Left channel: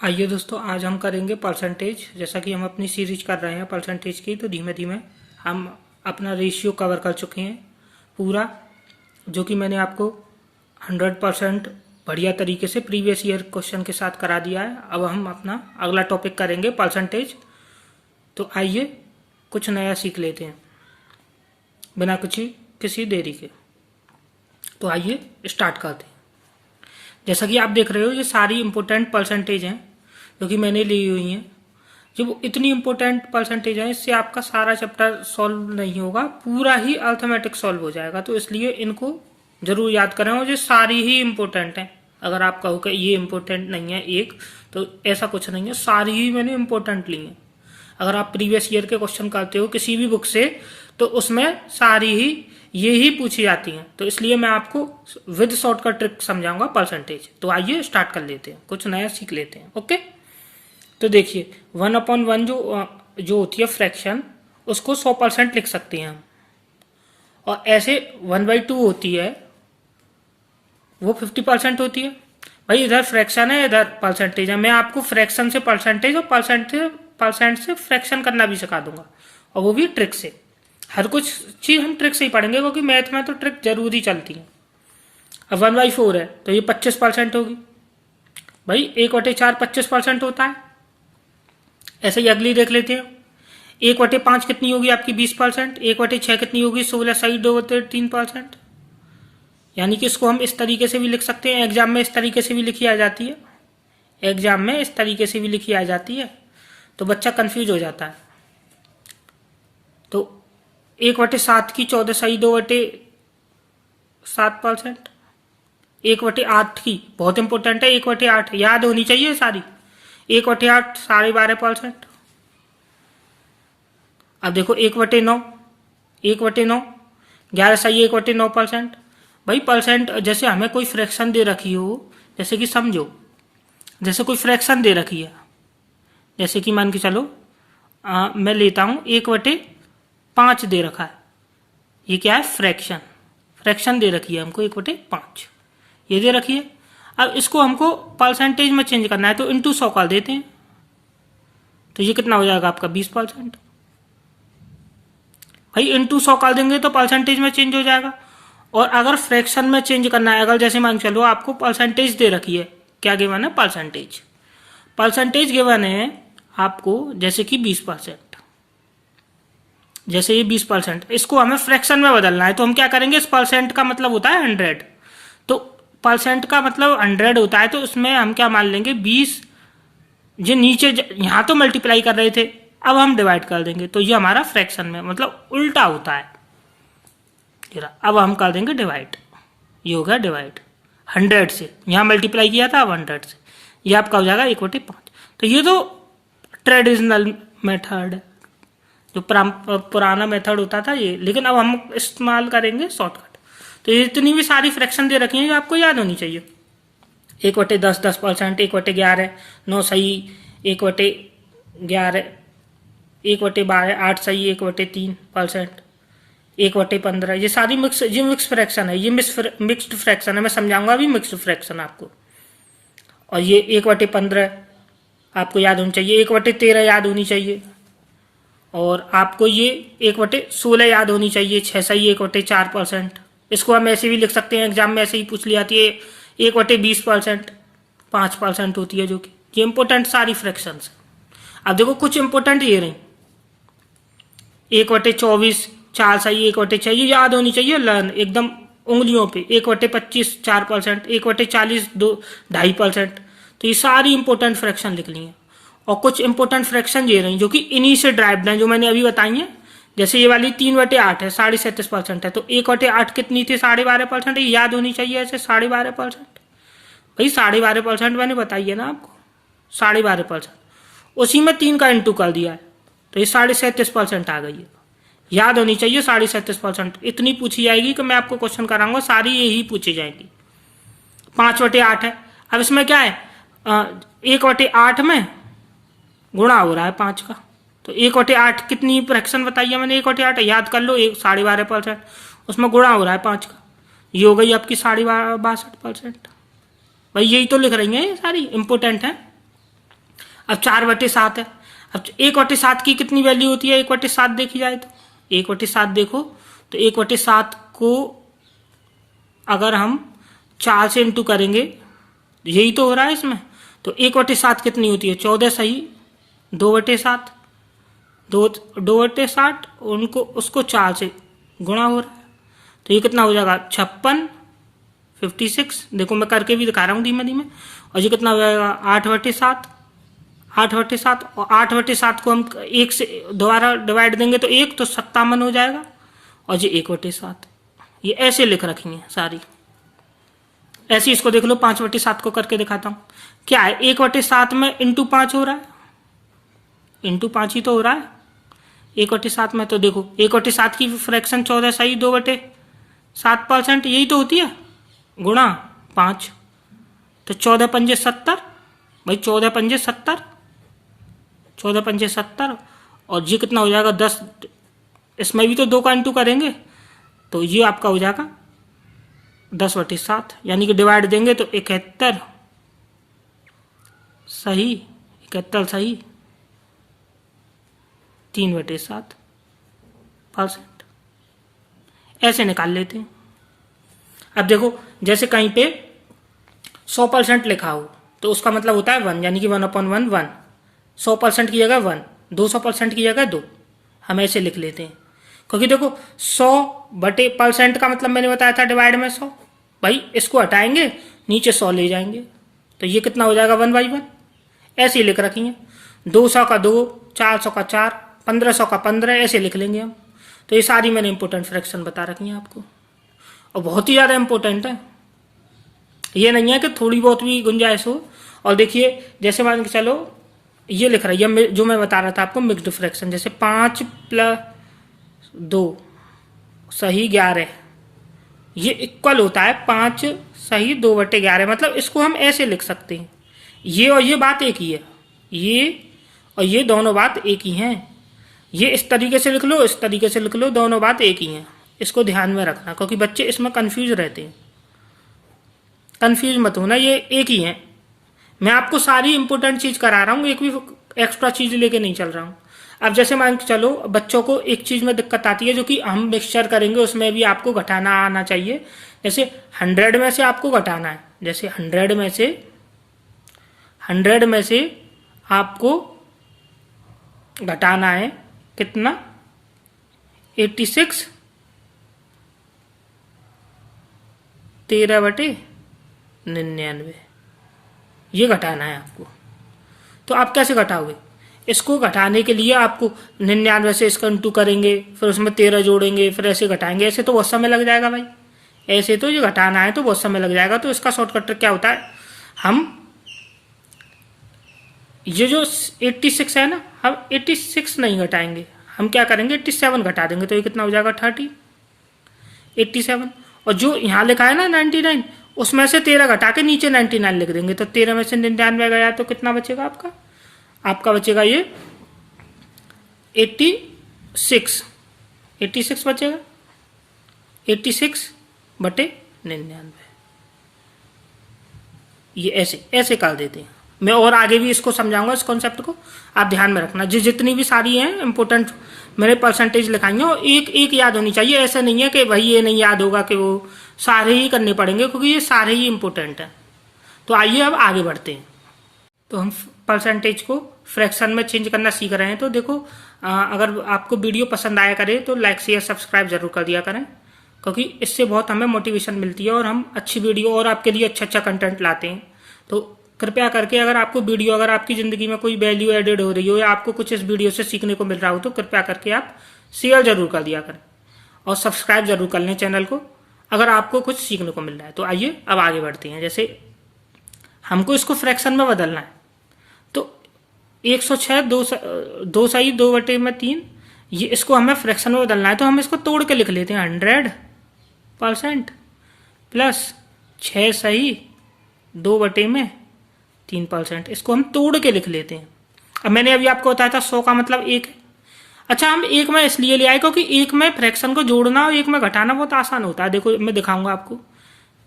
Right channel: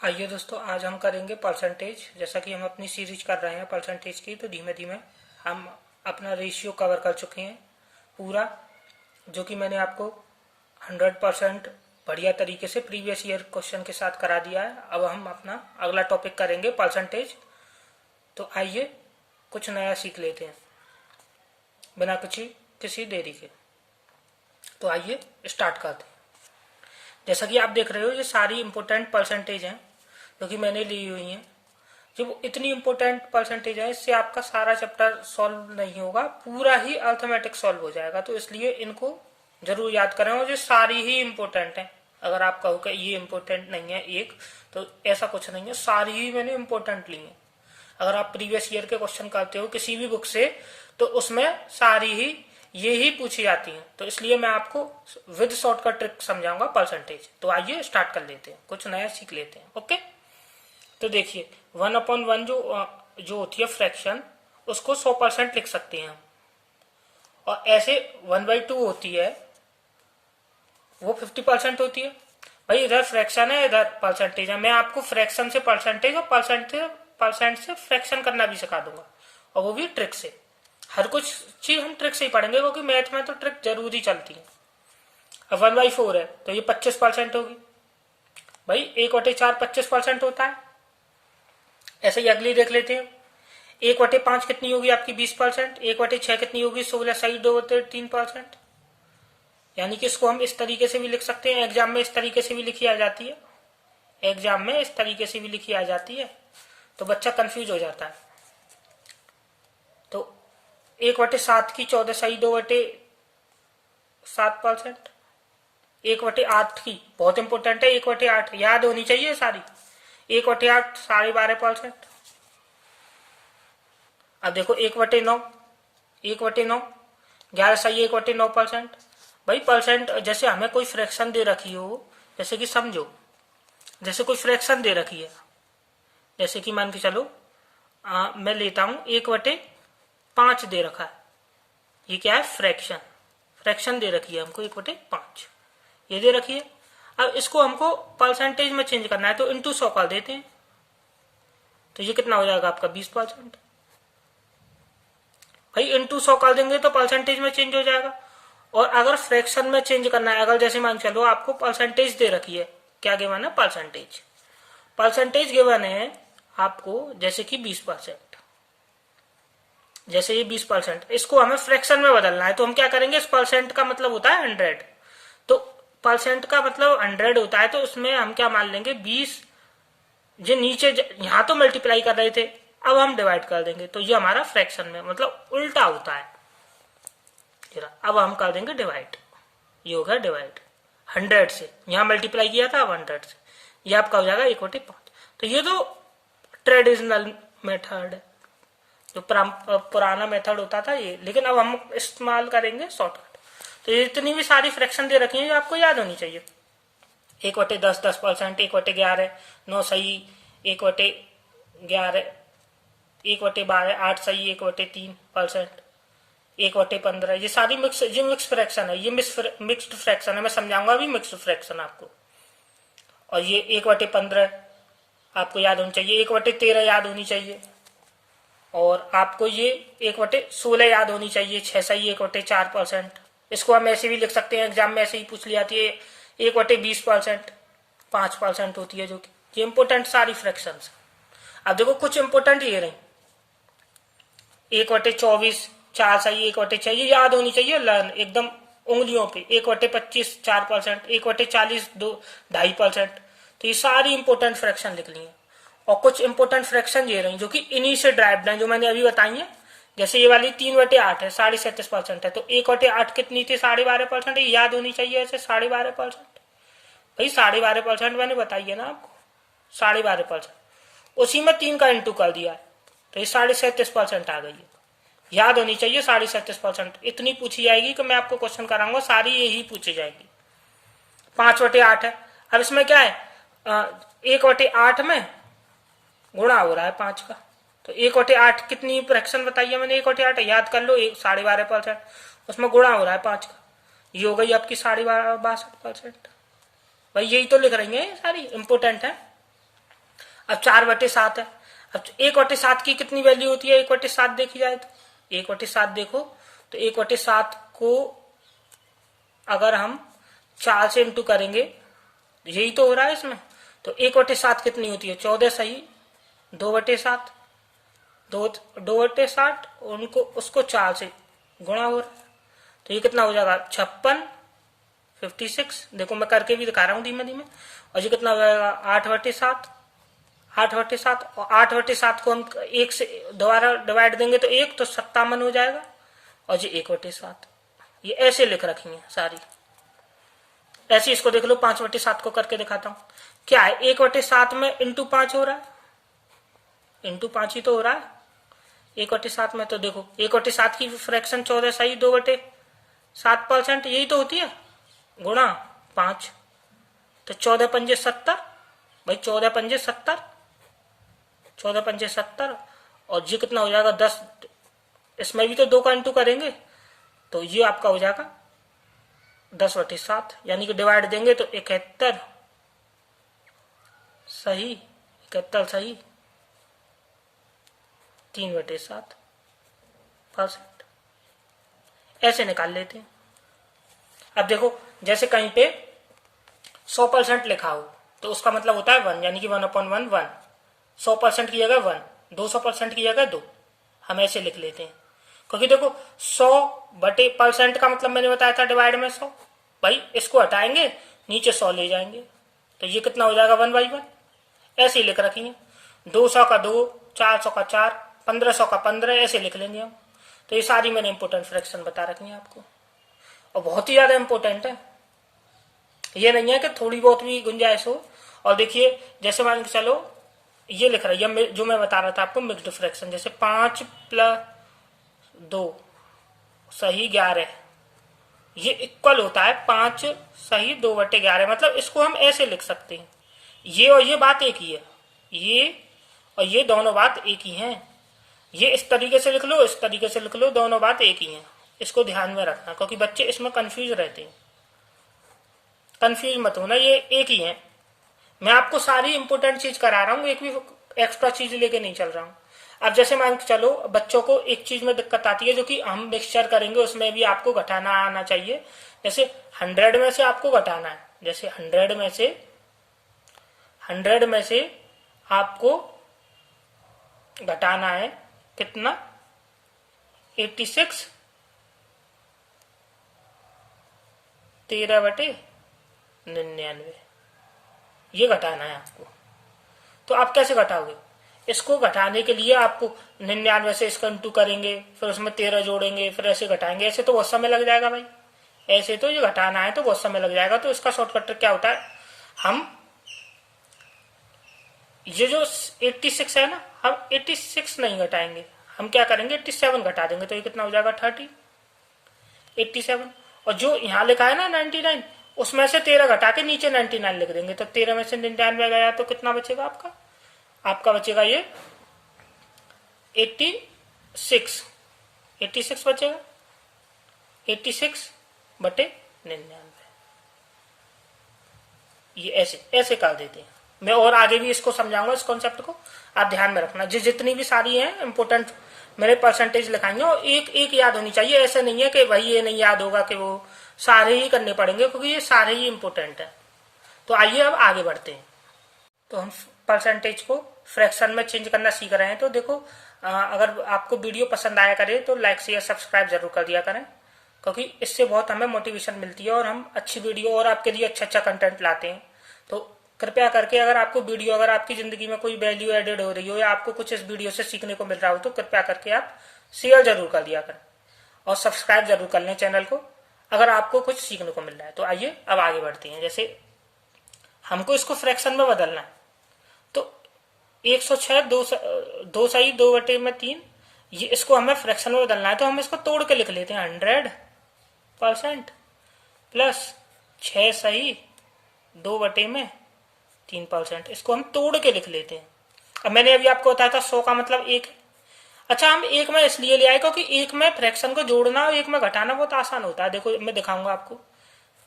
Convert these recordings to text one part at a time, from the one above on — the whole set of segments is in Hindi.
आइए दोस्तों, आज हम करेंगे परसेंटेज। जैसा कि हम अपनी सीरीज कर रहे हैं परसेंटेज की, तो धीमे धीमे हम अपना रेशियो कवर कर चुके हैं पूरा, जो कि मैंने आपको 100% बढ़िया तरीके से प्रीवियस ईयर क्वेश्चन के साथ करा दिया है। अब हम अपना अगला टॉपिक करेंगे परसेंटेज। तो आइए कुछ नया सीख लेते हैं बिना किसी देरी के। तो आइए स्टार्ट करते हैं। जैसा कि आप देख रहे हो, ये सारी इंपॉर्टेंट परसेंटेज हैं जो कि मैंने ली हुई हैं। जब इतनी इंपॉर्टेंट परसेंटेज है, इससे आपका सारा चैप्टर सॉल्व नहीं होगा, पूरा ही अर्थमेटिक सॉल्व हो जाएगा। तो इसलिए इनको जरूर याद करें, और ये सारी ही इंपॉर्टेंट हैं। अगर आप कहो कि ये इंपॉर्टेंट नहीं है एक, तो ऐसा कुछ नहीं है, सारी ही मैंने इंपॉर्टेंट ली है। अगर आप प्रीवियस ईयर के क्वेश्चन करते हो किसी भी बुक से, तो उसमें सारी ही ये ही पूछी जाती हैं। तो इसलिए मैं आपको विद शॉर्टकट ट्रिक समझाऊंगा परसेंटेज। तो आइए स्टार्ट कर लेते हैं, कुछ नया सीख लेते हैं। ओके, तो देखिए 1/1 जो होती है फ्रैक्शन, उसको 100% लिख सकते हैं हम। और ऐसे 1/2 होती है, वो 50% होती है। भाई इधर फ्रैक्शन है, इधर परसेंटेज है। मैं आपको फ्रैक्शन से परसेंटेज और परसेंट से फ्रैक्शन करना भी सिखा दूंगा, और वो भी ट्रिक से। हर कुछ चीज हम ट्रिक से ही पढ़ेंगे, क्योंकि मैथ में तो ट्रिक जरूरी चलती है। अब 1/4 है, तो ये 25% होगी। भाई 1/4 25% होता है। ऐसे ही अगली देख लेते हैं। 1/5 कितनी होगी आपकी? 20%। 1/6 कितनी होगी? 16 सही 2/3%। यानी कि इसको हम इस तरीके से भी लिख सकते हैं। एग्जाम में इस तरीके से भी लिखी आ जाती है, एग्जाम में इस तरीके से भी लिखी आ जाती है, तो बच्चा कंफ्यूज हो जाता है। तो 1/7 की 14 सही 2/7%। 1/8 की बहुत इंपॉर्टेंट है, 1/8 याद होनी चाहिए सारी। 1/8 12.5%। अब देखो 1/9, 1/9 11 सही 1/9%। भाई परसेंट, जैसे हमें कोई फ्रैक्शन दे रखी हो, जैसे कि समझो, जैसे कोई फ्रैक्शन दे रखी है, जैसे कि मान के चलो मैं लेता हूं 1/5 दे रखा है। ये क्या है? फ्रैक्शन। फ्रैक्शन दे रखी है हमको 1/5, ये दे रखी है। अब इसको हमको परसेंटेज में चेंज करना है, तो इंटू 100 कर देते हैं। तो ये कितना हो जाएगा आपका? 20%। भाई इंटू 100 कर देंगे तो परसेंटेज में चेंज हो जाएगा। और अगर फ्रैक्शन में चेंज करना है, अगर जैसे मान चलो आपको परसेंटेज दे रखी है, क्या गिवन है? परसेंटेज। परसेंटेज गिवन है आपको जैसे कि 20%। जैसे ये 20%, इसको हमें फ्रैक्शन में बदलना है, तो हम क्या करेंगे? इस परसेंट का मतलब होता है 100। तो परसेंट का मतलब 100 होता है, तो उसमें हम क्या मान लेंगे? 20। जो नीचे यहां तो मल्टीप्लाई कर रहे थे, अब हम डिवाइड कर देंगे, तो ये हमारा फ्रैक्शन में मतलब उल्टा होता है। अब हम कर देंगे डिवाइड, ये हो गया डिवाइड। 100 से यहां मल्टीप्लाई किया था, अब 100 से ये आपका हो जाएगा 1/5। तो ये तो ट्रेडिशनल मेथड है, जो पुराना मेथड होता था ये, लेकिन अब हम इस्तेमाल करेंगे शॉर्टकट। तो ये इतनी भी सारी फ्रैक्शन दे रखी है जो आपको याद होनी चाहिए। 1/10 10%, 1/11 9 सही, 1/11 1/12 8 सही, 1/3%, 1/15। ये सारी मिक्स फ्रैक्शन है, ये मिक्स्ड फ्रैक्शन है। मैं समझाऊंगा अभी मिक्स्ड फ्रैक्शन आपको। और ये 1/15 आपको याद होनी चाहिए, 1/13 याद होनी चाहिए, और आपको ये 1/16 याद होनी चाहिए। 6 सही 1/4%। इसको हम ऐसे भी लिख सकते हैं, एग्जाम में ऐसे ही पूछ ली जाती है। 1/20% 5% होती है, जो कि ये इंपोर्टेंट सारी फ्रैक्शंस। अब देखो कुछ इंपोर्टेंट ये रही। 1/24 4 सही 1/6, ये याद होनी चाहिए, लर्न एकदम उंगलियों पे। 1/25 4%, 1/40 2.5%। तो ये सारी इंपोर्टेंट फ्रैक्शन लिख ली है। और कुछ इंपोर्टेंट फ्रैक्शन ये रही जो कि इन्हीं से ड्राइव्ड है, जो मैंने अभी बताई है। जैसे ये वाली 3/8 है, 37.5% है, तो 1/8 कितनी थी? 12.5%। याद होनी चाहिए ऐसे 12.5%। भाई 12.5% मैंने बताई है ना आपको, 12.5%। उसी में 3 का इंटू कर दिया है, तो ये 37.5% आ गई है। याद होनी चाहिए 37%। इतनी पूछी जाएगी कि मैं आपको क्वेश्चन कराऊंगा, सारी यही पूछी जाएगी। 5/8 है। अब इसमें क्या है? 1/8 में गुणा हो रहा है 5 का, तो 1/8 कितनी फ्रैक्शन बताई है मैंने? 1/8 याद कर लो, 12.5%, उसमें गुणा हो रहा है 5 का, ये हो गई आपकी 62.5%। भाई यही तो लिख रही है, ये सारी इंपोर्टेंट है। अब 4/7 है। अब 1/7 की कितनी वैल्यू होती है 1/7 देखी जाए तो? 1/7 देखो तो 1/7 को अगर हम 4 से इंटू करेंगे, यही तो हो रहा है इसमें, तो 1/7 कितनी होती है 14 सही, 2/7, 2/7 उनको उसको 4 से गुणा हो रहा है, तो ये कितना हो जाएगा 56, 56। देखो मैं करके भी दिखा रहा हूँ धीमे धीमे। और ये कितना हो जाएगा 8/7, 8/7, और 8/7 को हम 1 से दोबारा डिवाइड देंगे तो 1, तो 57 हो जाएगा। और ये 1/7, ये ऐसे लिख रखी है सारी। ऐसे इसको देख लो 5/7 को करके दिखाता हूँ। क्या है 1/7 में इंटू 5 हो रहा है, इंटू 5 ही तो हो रहा है 1/7 में। तो देखो 1/7 की फ्रैक्शन 14 सही 2/7%, यही तो होती है, गुणा 5, तो 14×5 70 भाई, 14×5 70, 14×5 70। और ये कितना हो जाएगा 10, इसमें भी तो 2 का इंटू करेंगे तो ये आपका हो जाएगा 10/7, यानी कि डिवाइड देंगे तो 71 सही, 71 सही, 3/7%। ऐसे निकाल लेते हैं। अब देखो जैसे कहीं पे 100% लिखा हो तो उसका मतलब होता है 1, यानी कि 1/1 1, 100% की जगह 1, 200% की जगह 2, हम ऐसे लिख लेते हैं। क्योंकि देखो 100/% का मतलब मैंने बताया था डिवाइड में 100, भाई इसको हटाएंगे नीचे 100 ले जाएंगे, तो ये कितना हो जाएगा 1/1, ऐसे ही लिख रखी है। 200 का 2, 400 का 4, 1500 का 15, ऐसे लिख लेंगे हम। तो ये सारी मैंने इंपोर्टेंट फ्रैक्शन बता रखी है आपको, और बहुत ही ज्यादा इंपॉर्टेंट है। ये नहीं है कि थोड़ी बहुत भी गुंजाइश हो। और देखिए जैसे मान के चलो ये लिख रहा है जो मैं बता रहा था आपको मिक्स्ड फ्रैक्शन, जैसे 5 + 2 सही 11, ये इक्वल होता है 5 सही 2/11। मतलब इसको हम ऐसे लिख सकते हैं, ये और ये बात एक ही है, ये और ये दोनों बात एक ही हैं। ये इस तरीके से लिख लो, इस तरीके से लिख लो, दोनों बात एक ही हैं। इसको ध्यान में रखना, क्योंकि बच्चे इसमें कंफ्यूज रहते हैं। कंफ्यूज मत होना, ये एक ही है। मैं आपको सारी इंपोर्टेंट चीज करा रहा हूँ, एक भी एक्स्ट्रा चीज लेके नहीं चल रहा हूँ। अब जैसे मान के चलो बच्चों को एक चीज में दिक्कत आती है, जो कि हम मिक्सचर करेंगे उसमें भी आपको घटाना आना चाहिए। जैसे 100 में से आपको घटाना है, जैसे 100 में से आपको घटाना है कितना 86 13/99, ये घटाना है आपको। तो आप कैसे घटाओगे? इसको घटाने के लिए आपको 99 से इसका इंटू करेंगे, फिर उसमें 13 जोड़ेंगे, फिर ऐसे घटाएंगे। ऐसे तो बहुत समय लग जाएगा भाई, ऐसे तो ये घटाना है तो बहुत समय लग जाएगा। तो इसका शॉर्टकट क्या होता है, हम ये जो 86 है ना, हम 86 नहीं घटाएंगे, हम क्या करेंगे 87 घटा देंगे, तो ये कितना हो जाएगा 87। और जो यहाँ लिखा है ना 99, उसमें से 13 घटा के नीचे 99 लिख देंगे, तो 13 में से 99 गया तो कितना बचेगा आपका बचेगा ये 86 बचेगा, 86/99। ये ऐसे कर देते हैं। मैं और आगे भी इसको समझाऊंगा, इस कॉन्सेप्ट को आप ध्यान में रखना। जितनी भी सारी हैं इंपोर्टेंट मैंने परसेंटेज लिखाएंगे, और एक याद होनी चाहिए। ऐसा नहीं है कि भाई ये नहीं याद होगा, कि वो सारे ही करने पड़ेंगे, क्योंकि ये सारे ही इंपोर्टेंट है। तो आइए अब आगे बढ़ते हैं। तो हम परसेंटेज को फ्रैक्शन में चेंज करना सीख रहे हैं। तो देखो अगर आपको वीडियो पसंद आया करे तो लाइक शेयर सब्सक्राइब जरूर कर दिया करें, क्योंकि इससे बहुत हमें मोटिवेशन मिलती है और हम अच्छी वीडियो और आपके लिए अच्छा कंटेंट लाते हैं। तो कृपया करके अगर आपको वीडियो, अगर आपकी जिंदगी में कोई वैल्यू एडेड हो रही हो या आपको कुछ इस वीडियो से सीखने को मिल रहा हो, तो कृपया करके आप शेयर जरूर कर दिया करें और सब्सक्राइब जरूर कर लें चैनल को, अगर आपको कुछ सीखने को मिल रहा है। तो आइए अब आगे बढ़ते हैं। जैसे हमको इसको फ्रैक्शन में बदलना है, तो 106 2 सही 2/3, ये इसको हमें फ्रैक्शन में बदलना है। तो हम इसको तोड़ के लिख लेते हैं 100% प्लस 6 सही 2/3%। इसको हम तोड़ के लिख लेते हैं। अब मैंने अभी आपको बताया था 100 का मतलब 1 है। अच्छा, हम 1 में इसलिए ले आए क्योंकि 1 में फ्रैक्शन को जोड़ना और 1 में घटाना बहुत आसान होता है। देखो मैं दिखाऊंगा आपको।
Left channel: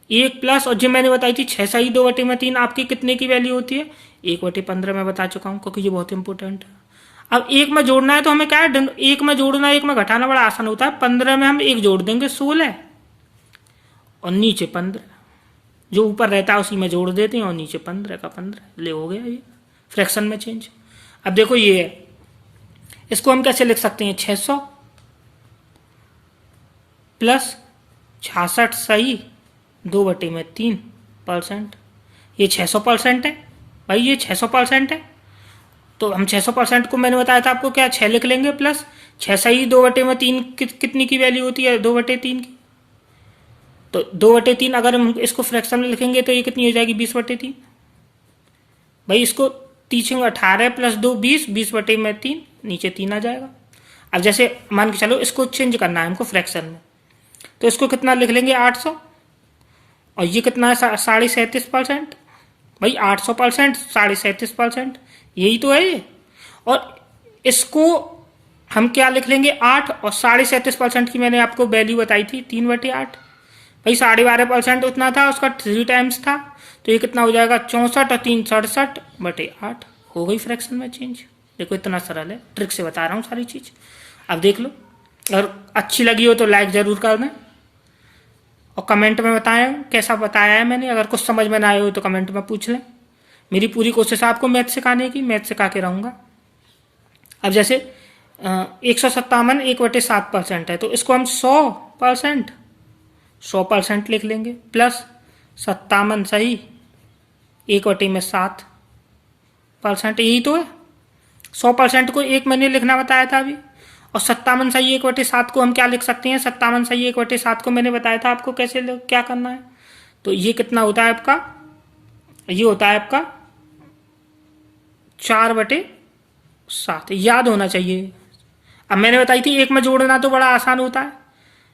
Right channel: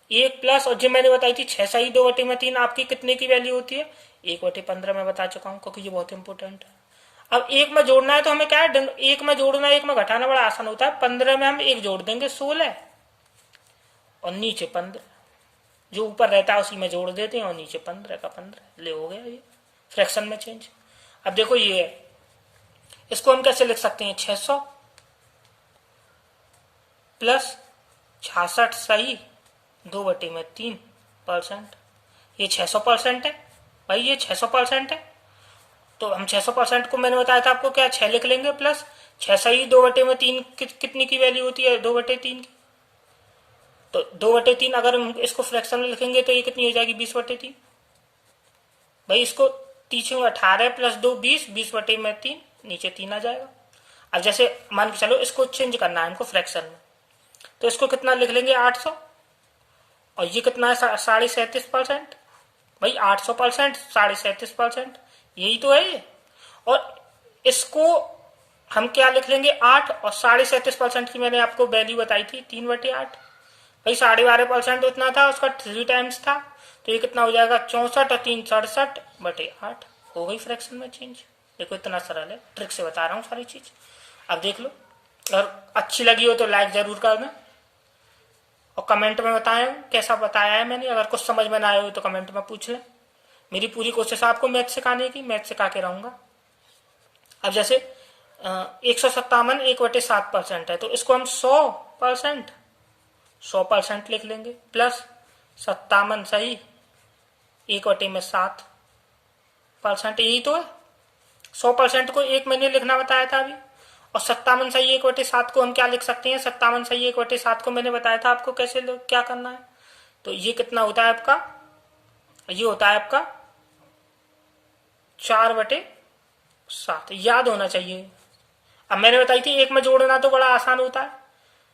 1 प्लस, और जो मैंने बताई थी 6 सही 2/3 आपकी कितने की वैल्यू होती है 1/15 मैं बता चुका हूँ, क्योंकि ये बहुत इंपॉर्टेंट है। अब एक में जोड़ना है तो हमें क्या है, एक में जोड़ना एक में घटाना बड़ा आसान होता है। 15 में हम एक जोड़ देंगे 16 और नीचे 15, जो ऊपर रहता है उसी में जोड़ देते हैं और नीचे 15 का 15 ले हो गया ये फ्रैक्शन में चेंज। अब देखो ये है, इसको हम कैसे लिख सकते हैं, 600 प्लस 66 सही 2/3%। ये 600% है भाई, ये 600% है। तो हम 600% को मैंने बताया था आपको क्या, 6 लिख लेंगे प्लस 6 सही 2/3 कितनी की वैल्यू होती है, 2/3 की। तो 2/3 अगर हम इसको फ्रैक्शन में लिखेंगे तो ये कितनी हो जाएगी, 20/3। भाई इसको 3 18 प्लस 2 20, 20/3 नीचे 3 आ जाएगा। अब जैसे मान के चलो इसको चेंज करना है हमको फ्रैक्शन में, तो इसको कितना लिख लेंगे 800, और ये कितना है 37.5%। भाई 800% 37.5% यही तो है ये। और इसको हम क्या लिख लेंगे 8, और 37.5% की मैंने आपको वैल्यू बताई थी 3/8। भाई 12.5% उतना था, उसका 3 टाइम्स था, तो ये कितना हो जाएगा 64 और 3 67/8 हो गई फ्रैक्शन में चेंज। देखो इतना सरल है, ट्रिक से बता रहा हूँ सारी चीज। अब देख लो, अगर अच्छी लगी हो तो लाइक जरूर कर दें और कमेंट में बताएं कैसा बताया है मैंने। अगर कुछ समझ में ना आए हो तो कमेंट में पूछ लें। मेरी पूरी कोशिश है आपको मैथ सिखाने की, मैथ सिखा के रहूंगा। अब जैसे 157 1/7% है, तो इसको हम 100% लिख लेंगे प्लस 57 सही 1/7%, यही तो है। 100% को एक मैंने लिखना बताया था अभी, और 57 सही 1/7 को हम क्या लिख सकते हैं, 57 सही 1/7 को मैंने बताया था आपको कैसे क्या करना है। तो ये कितना होता है आपका, ये होता है आपका 4/7, याद होना चाहिए। अब मैंने बताई थी एक में जोड़ना तो बड़ा आसान होता है,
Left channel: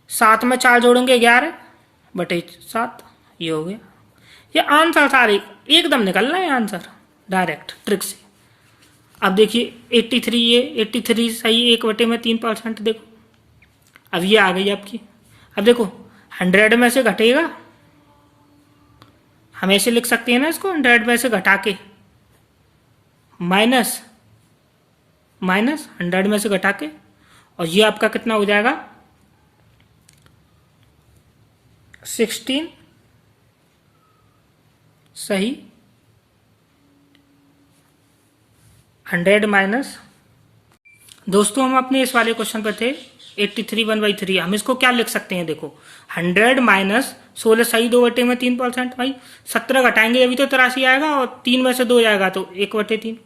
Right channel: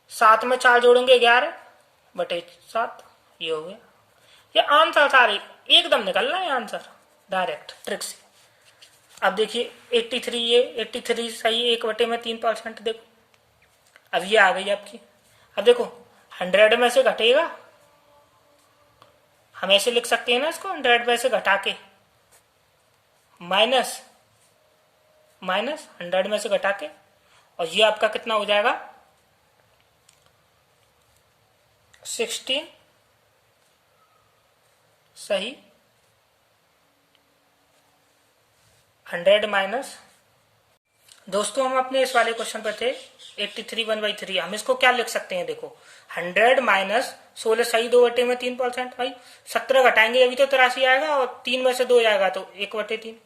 7 में 4 जोड़ेंगे 11/7, ये हो गया। ये आंसर सारे एकदम निकलना है आंसर डायरेक्ट ट्रिक से। अब देखिए 83, ये 83 सही 1/3%। देखो अब ये आ गई आपकी। अब देखो 100 में से घटेगा, हम ऐसे लिख सकते हैं ना इसको, 100 में से घटा के माइनस 100 में से घटा के, और ये आपका कितना हो जाएगा 16 सही 100 माइनस। दोस्तों हम अपने इस वाले क्वेश्चन पर थे 83 1/3। हम इसको क्या लिख सकते हैं, देखो 100 माइनस 16 सही 2/3%। भाई 17 घटाएंगे अभी तो 83 आएगा, और 3 में से 2 जाएगा तो 1/3।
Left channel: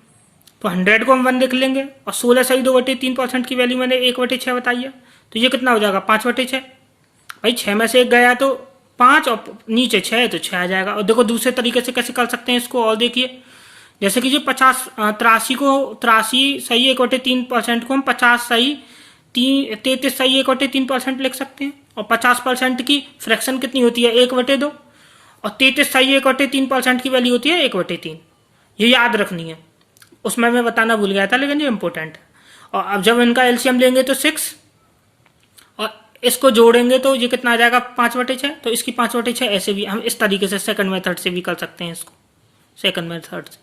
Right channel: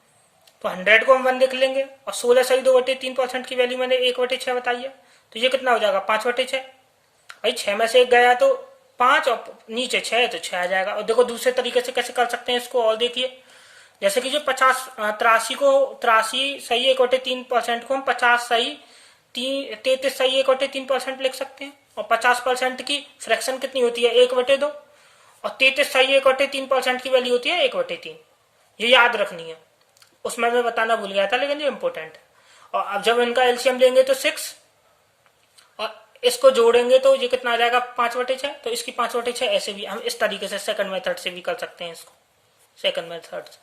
तो 100 को हम 1 लिख लेंगे, और 16 सही 2/3% की वैल्यू मैंने 1/6 बताई है, तो ये कितना हो जाएगा 5/6। भाई 6 में से 1 गया तो 5, और नीचे 6 है तो 6 आ जाएगा। और देखो दूसरे तरीके से कैसे कर सकते हैं इसको, और देखिए जैसे कि जो 83 सही 1/3% को हम 50 सही 33 सही 1/3% लिख सकते हैं। और 50% की फ्रैक्शन कितनी होती है 1/2, और 33 सही 1/3% की वैल्यू होती है 1/3। ये याद रखनी है, उसमें मैं बताना भूल गया था, लेकिन ये इंपॉर्टेंट है। और अब जब इनका एलसीएम लेंगे तो 6, और इसको जोड़ेंगे तो ये कितना आ जाएगा 5/6। तो इसकी 5/6 ऐसे भी हम इस तरीके से सेकंड मेथड से भी कर सकते हैं इसको, सेकंड मेथड से।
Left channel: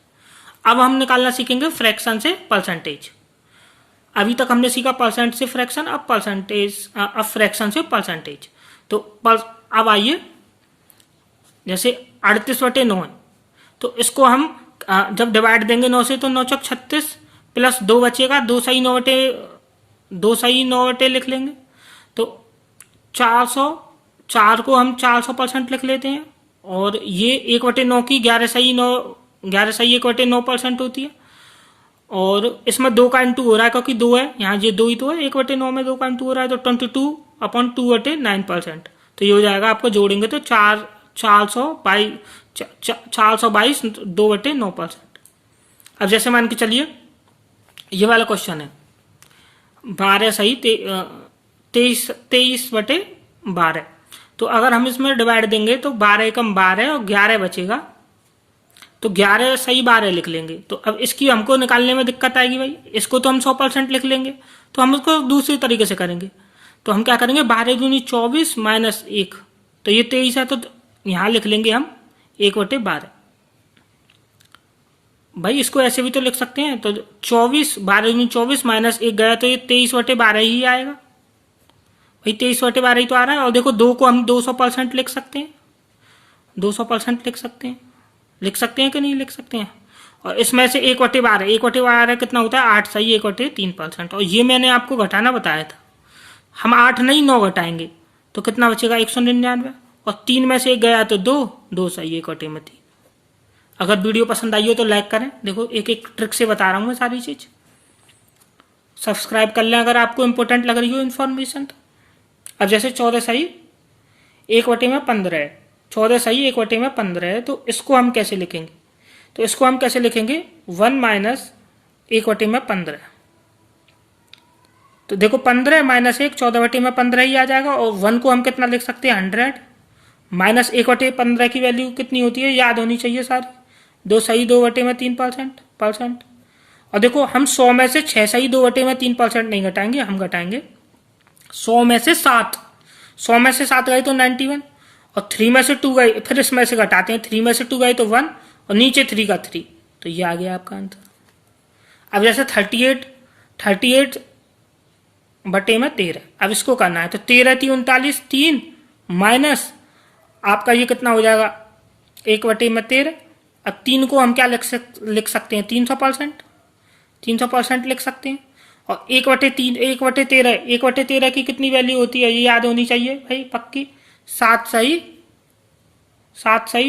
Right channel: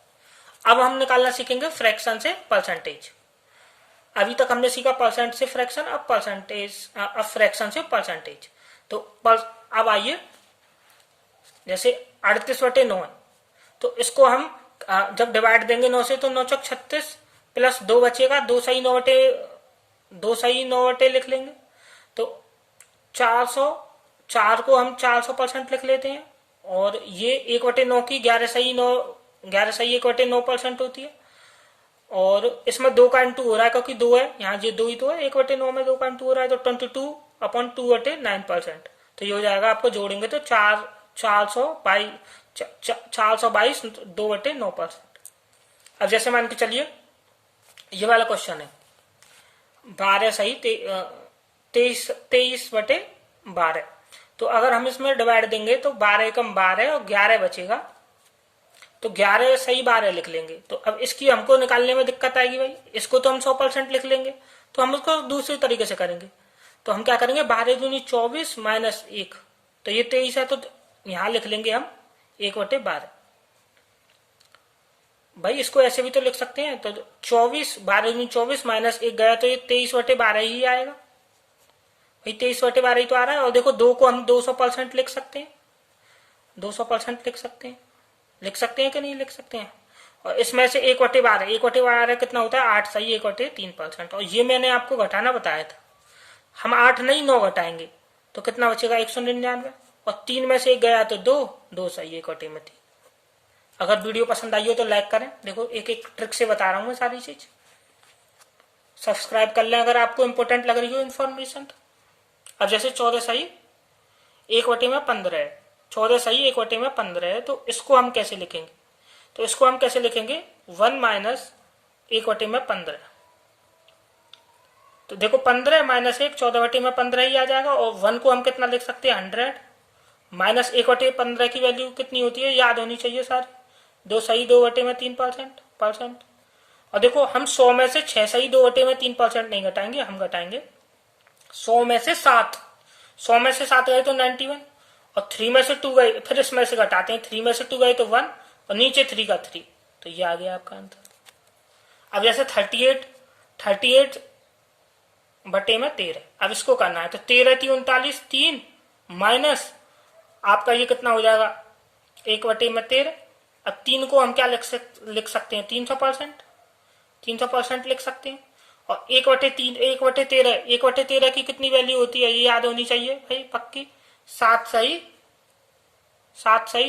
अब हम निकालना सीखेंगे फ्रैक्शन से परसेंटेज। अभी तक हमने सीखा परसेंट से फ्रैक्शन, अब फ्रैक्शन से परसेंटेज। तो अब आइए, जैसे 38/9 है, तो इसको हम जब डिवाइड देंगे 9 से, तो 9 चौक 36 प्लस 2 बचेगा, 2 सही 9 लिख लेंगे। तो 404 को हम 400% लिख लेते हैं, और ये 1/9 की 11 सही 1/9% होती है। और इसमें 2 का इंटू हो रहा है क्योंकि 2 है, यहाँ ये 2 ही तो है, 1/9 में 2 का इंटू हो रहा है, तो 22/2/9%। तो ये हो जाएगा, आपको जोड़ेंगे तो 422 2/9%। अब जैसे मान के चलिए ये वाला क्वेश्चन है 12 सही 23/12। तो अगर हम इसमें डिवाइड देंगे तो 12 एकम 12 और 11 बचेगा, तो 11 सही 12 लिख लेंगे। तो अब इसकी हमको निकालने में दिक्कत आएगी भाई, इसको तो हम 100% लिख लेंगे, तो हम इसको दूसरे तरीके से करेंगे। तो हम क्या करेंगे 12 दूनी 24 माइनस 1, तो ये 23 है, तो यहाँ लिख लेंगे हम 1/12। भाई इसको ऐसे भी तो लिख सकते हैं, तो 24 12 में 24 माइनस 1 गया तो ये 23/12 ही आएगा। भाई 23/12 ही तो आ रहा है। और देखो 2 को हम 200% लिख सकते हैं, 200% लिख सकते हैं कि नहीं लिख सकते हैं। और इसमें से 1/12, 1/12 कितना होता है 8 सही 1/3%। और ये मैंने आपको घटाना बताया था, हम 8 नहीं 9 घटाएंगे तो कितना बचेगा 199। और 3 में से 1 गया तो 2 सही 1/3। अगर वीडियो पसंद आई हो तो लाइक करें। देखो एक एक ट्रिक से बता रहा हूँ मैं सारी चीज। सब्सक्राइब कर लें अगर आपको इंपॉर्टेंट लग रही हो इन्फॉर्मेशन तो। अब जैसे 14 सही 1/15 है, 14 सही 1/15 है, तो इसको हम कैसे लिखेंगे? तो इसको हम कैसे लिखेंगे 1 माइनस 1/15। तो देखो 15 माइनस 1 14/15 ही आ जाएगा। और 1 को हम कितना लिख सकते हैं 100 माइनस 1/15 की वैल्यू कितनी होती है याद होनी चाहिए सारी। 2 सही 2/3%। और देखो हम 100 में से 6 सही 2/3% नहीं घटाएंगे, हम घटाएंगे 100 में से 7। 100 में से 7 गए तो 91। और 3 में से 2 गए, फिर इसमें से घटाते हैं, 3 में से 2 गए तो 1 और नीचे 3 का 3। तो ये आ गया आपका आंसर। अब जैसे 38/13, अब इसको करना है तो 13 3 39 3 माइनस आपका ये कितना हो जाएगा 1/13। अब 3 को हम क्या लिख सकते हैं 300%, 300% लिख सकते हैं। और 1/3 1/13 की कितनी वैल्यू होती है ये याद होनी चाहिए भाई पक्की। 7 सही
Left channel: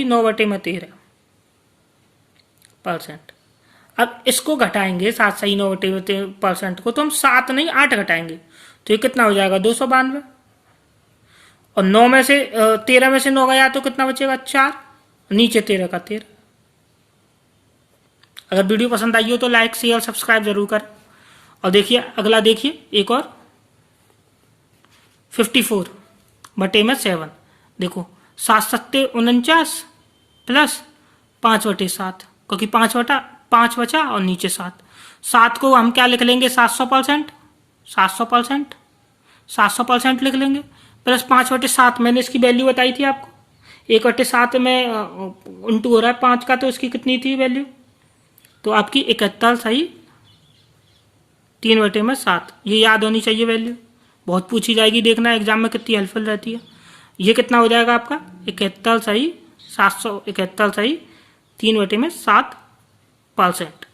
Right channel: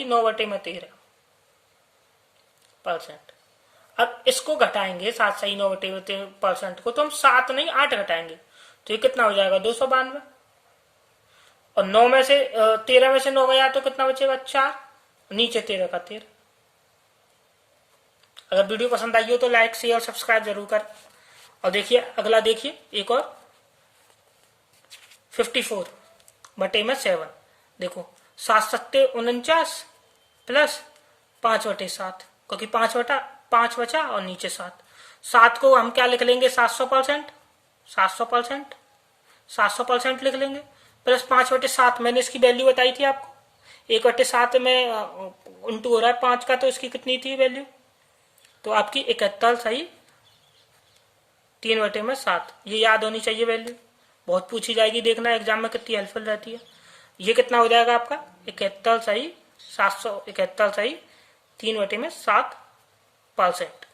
9/13%। अब इसको घटाएंगे 7 सही 9/13% को, तो हम 7 नहीं 8 घटाएंगे तो ये कितना हो जाएगा 292। और 9 में से 13 में से 9 गया तो कितना बचेगा 4, नीचे 13 का 13। अगर वीडियो पसंद आई हो तो लाइक शेयर सब्सक्राइब जरूर करें। और देखिए अगला देखिए एक और 54/7। देखो 7 सत्ते 49 प्लस 5/7, क्योंकि 5 बचा और नीचे 7। 7 को हम क्या लिख लेंगे 700%, 700% लिख लेंगे। प्लस 5/7 मैंने इसकी वैल्यू बताई थी आपको, 1/7 में उल्टू हो रहा है 5 का, तो इसकी कितनी थी वैल्यू तो आपकी 71 सही 3/7। ये याद होनी चाहिए वैल्यू, बहुत पूछी जाएगी, देखना एग्जाम में कितनी हेल्पफुल रहती है। ये कितना हो जाएगा आपका 71 सही 771 सही 3/7%।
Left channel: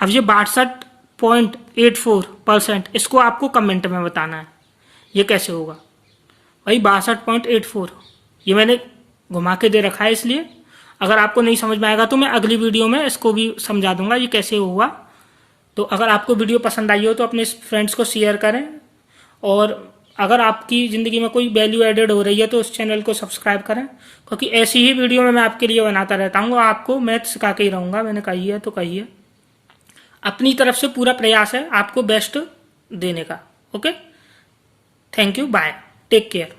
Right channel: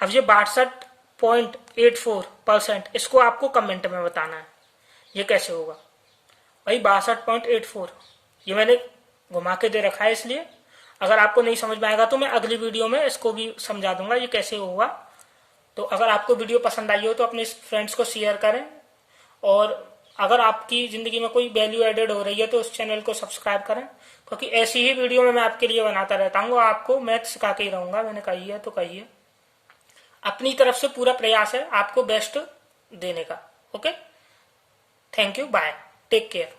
अब ये 62.84%, इसको आपको कमेंट में बताना है ये कैसे होगा भाई। 62.84 ये मैंने घुमा के दे रखा है, इसलिए अगर आपको नहीं समझ में आएगा तो मैं अगली वीडियो में इसको भी समझा दूंगा ये कैसे होगा। तो अगर आपको वीडियो पसंद आई हो तो अपने फ्रेंड्स को शेयर करें। और अगर आपकी ज़िंदगी में कोई वैल्यू एडेड हो रही है तो उस चैनल को सब्सक्राइब करें, क्योंकि ऐसी ही वीडियो में मैं आपके लिए बनाता रहता हूँ। आपको मैथ सिखा के ही रहूँगा, मैंने कही है तो कही है। अपनी तरफ से पूरा प्रयास है आपको बेस्ट देने का। Okay, thank you, bye, take care.